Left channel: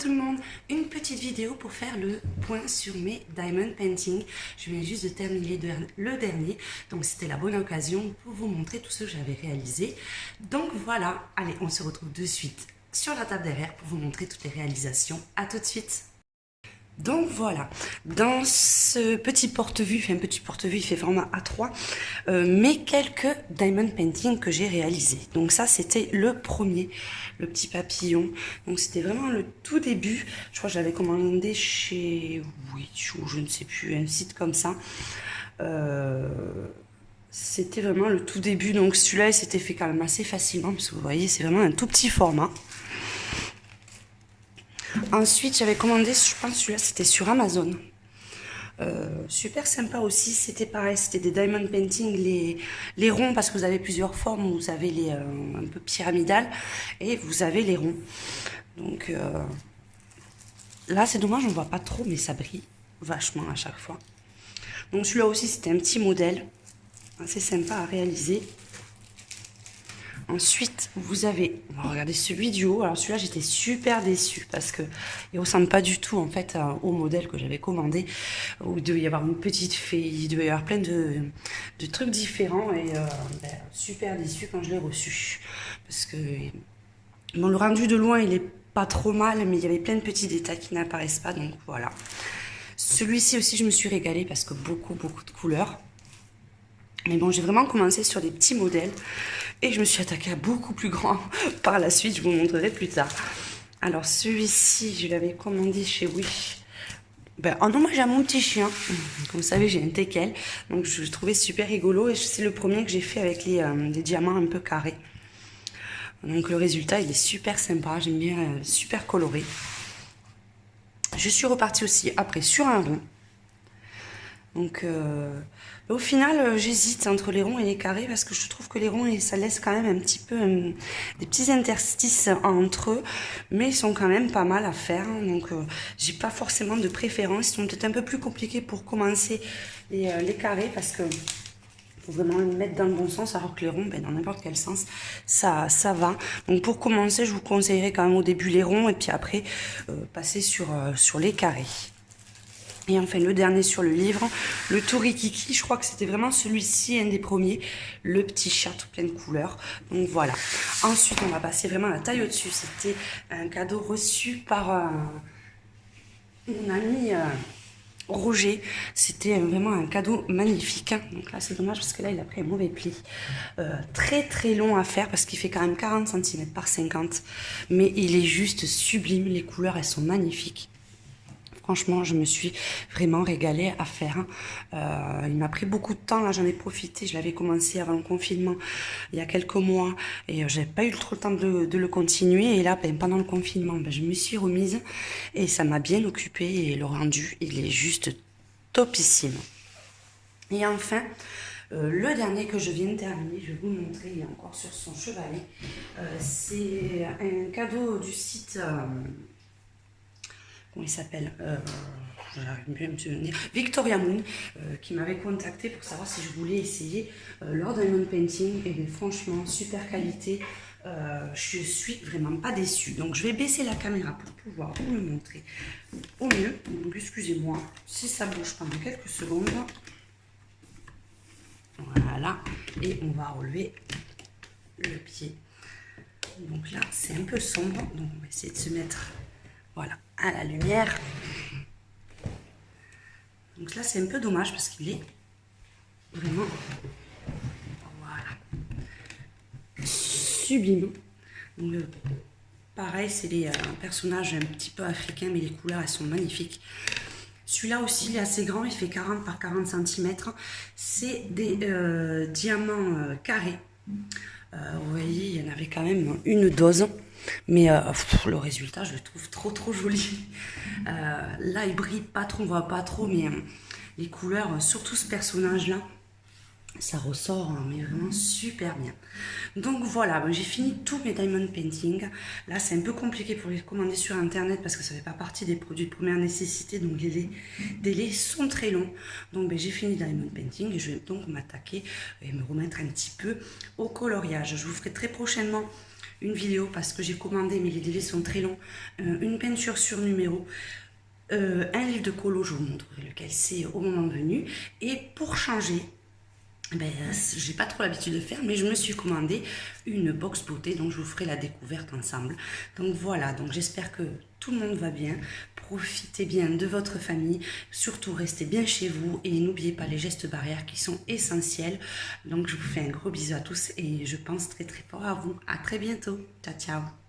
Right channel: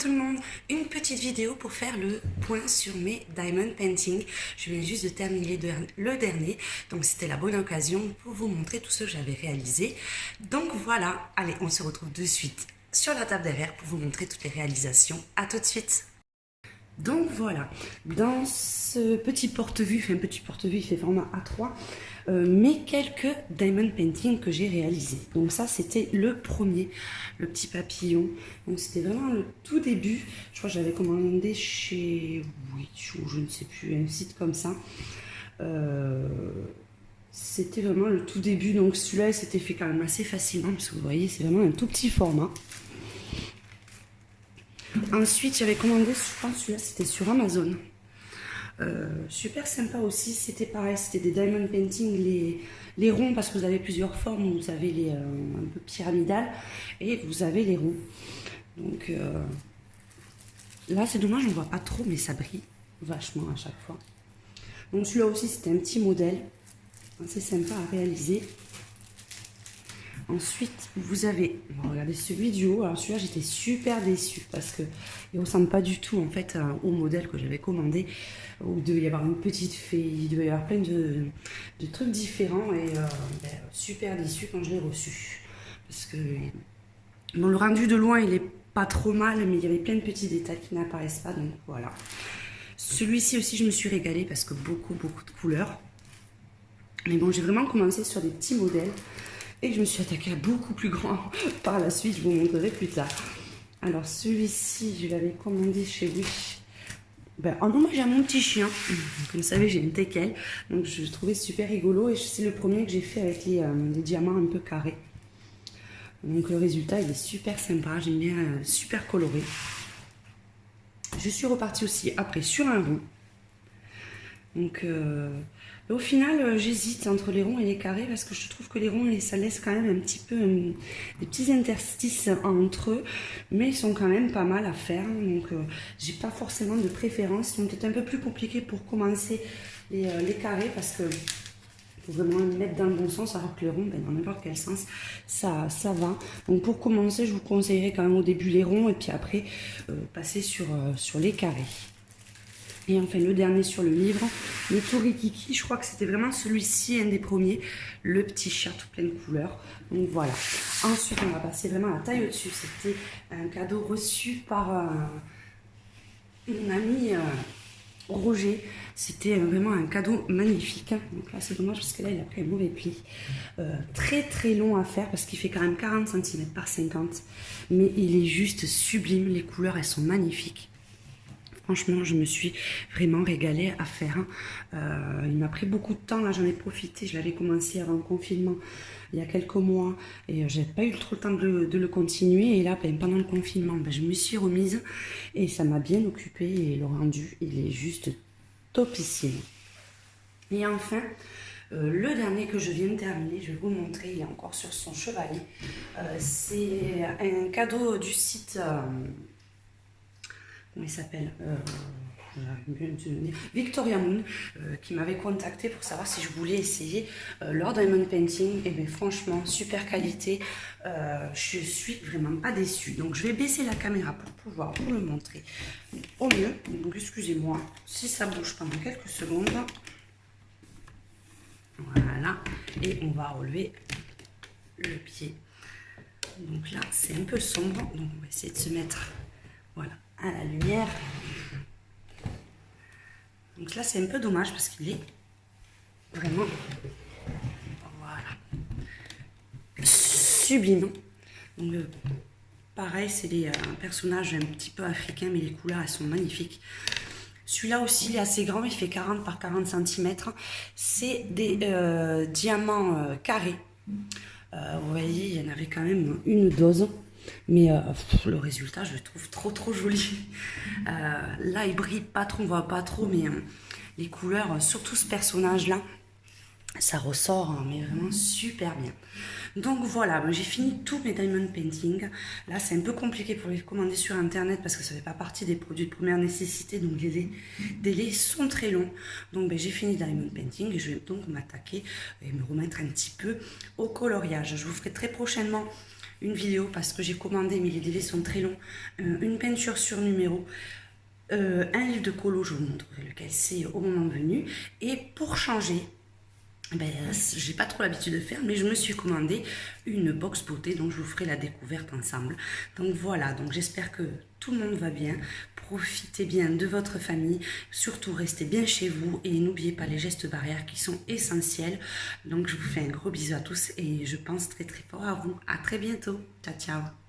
tout le monde, une petite vidéo pour faire le point sur mes diamond painting. Je viens juste de terminer le dernier, donc c'était la bonne occasion pour vous montrer tout ce que j'avais réalisé. Donc voilà, allez, on se retrouve de suite sur la table derrière pour vous montrer toutes les réalisations. À tout de suite. Donc voilà, dans ce petit porte-vue, il fait format A3, mes quelques diamond painting que j'ai réalisés. Donc ça c'était le premier, le petit papillon. Donc c'était vraiment le tout début. Je crois que j'avais commandé chez Witch ou je ne sais plus, un site comme ça. C'était vraiment le tout début. Donc celui-là il s'était fait quand même assez facilement parce que vous voyez c'est vraiment un tout petit format. Ensuite, j'avais commandé, je pense celui-là, c'était sur Amazon. Super sympa aussi, c'était pareil, c'était des diamond painting, les ronds, parce que vous avez plusieurs formes, vous avez les un peu pyramidales, et vous avez les ronds. Donc là, c'est dommage, on ne voit pas trop, mais ça brille vachement à chaque fois. Donc celui-là aussi, c'était un petit modèle, assez sympa à réaliser. Ensuite, vous avez, on va regarder celui du haut. Alors celui-là, j'étais super déçue parce que il ressemble pas du tout en fait au modèle que j'avais commandé. Où il devait y avoir une petite fée, il devait y avoir plein de trucs différents et super déçue quand je l'ai reçu. Parce que bon, le rendu de loin, il est pas trop mal, mais il y avait plein de petits détails qui n'apparaissent pas, donc voilà. Celui-ci aussi, je me suis régalée parce que beaucoup de couleurs. Mais bon, j'ai vraiment commencé sur des petits modèles. Et je me suis attaquée à beaucoup plus grand par la suite, je vous montrerai plus tard. Alors celui-ci, je l'avais commandé chez Wish. En hommage à mon petit chien. Comme vous savez, j'ai un teckel. Donc je le trouvais super rigolo. Et c'est le premier que j'ai fait avec les diamants un peu carrés. Donc le résultat, il est super sympa. J'aime bien, super coloré. Je suis repartie aussi après sur un rond. Donc au final, j'hésite entre les ronds et les carrés parce que je trouve que les ronds, ça laisse quand même un petit peu des petits interstices entre eux, mais ils sont quand même pas mal à faire. Donc, j'ai pas forcément de préférence. Ils sont peut-être un peu plus compliqués pour commencer les carrés parce que faut vraiment les mettre dans le bon sens, alors que les ronds, dans n'importe quel sens, ça va. Donc, pour commencer, je vous conseillerais quand même au début les ronds et puis après passer sur les carrés. Et enfin, le dernier sur le livre, le Tourikiki, je crois que c'était vraiment celui-ci, un des premiers, le petit chat tout plein de couleurs. Donc voilà. Ensuite, on va passer vraiment à la taille au-dessus. C'était un cadeau reçu par mon ami Roger. C'était vraiment un cadeau magnifique. Donc là, c'est dommage parce que là, il a pris un mauvais pli. Très long à faire parce qu'il fait quand même 40 cm par 50. Mais il est juste sublime. Les couleurs, elles sont magnifiques. Franchement, je me suis vraiment régalée à faire. Il m'a pris beaucoup de temps, là j'en ai profité. Je l'avais commencé avant le confinement, il y a quelques mois. Et j'ai pas eu trop le temps de le continuer. Et là, pendant le confinement, je me suis remise. Et ça m'a bien occupée. Et le rendu, il est juste topissime. Et enfin, le dernier que je viens de terminer, je vais vous montrer, il est encore sur son chevalet. C'est un cadeau du site... comment il s'appelle, Victoria Moon, qui m'avait contacté pour savoir si je voulais essayer leur diamond painting. Et bien franchement, super qualité, je suis vraiment pas déçue. Donc je vais baisser la caméra pour pouvoir vous le montrer au mieux. Donc excusez-moi si ça bouge pendant quelques secondes. Voilà, et on va relever le pied. Donc là, c'est un peu sombre, donc on va essayer de se mettre... Voilà, à la lumière. Donc là, c'est un peu dommage parce qu'il est vraiment, voilà, sublime. Donc pareil, c'est des personnages un petit peu africains, mais les couleurs, elles sont magnifiques. Celui-là aussi, il est assez grand, il fait 40 par 40 cm. C'est des diamants carrés. Vous voyez, il y en avait quand même une dose. Mais le résultat, je le trouve trop joli. Là, il brille pas trop, on voit pas trop, mais les couleurs, surtout ce personnage-là, ça ressort, hein, mais vraiment super bien. Donc voilà, j'ai fini tous mes diamond painting. Là, c'est un peu compliqué pour les commander sur internet parce que ça fait pas partie des produits de première nécessité, donc les délais sont très longs. Donc j'ai fini diamond painting et je vais donc m'attaquer et me remettre un petit peu au coloriage. Je vous ferai très prochainement une vidéo parce que j'ai commandé, mais les délais sont très longs, une peinture sur numéro, un livre de colo, je vous montrerai lequel c'est au moment venu. Et pour changer, ben, j'ai pas trop l'habitude de faire, mais je me suis commandé une box beauté, donc je vous ferai la découverte ensemble. Donc voilà, donc j'espère que tout le monde va bien. Profitez bien de votre famille, surtout restez bien chez vous et n'oubliez pas les gestes barrières qui sont essentiels. Donc je vous fais un gros bisou à tous et je pense très très fort à vous. À très bientôt. Ciao ciao.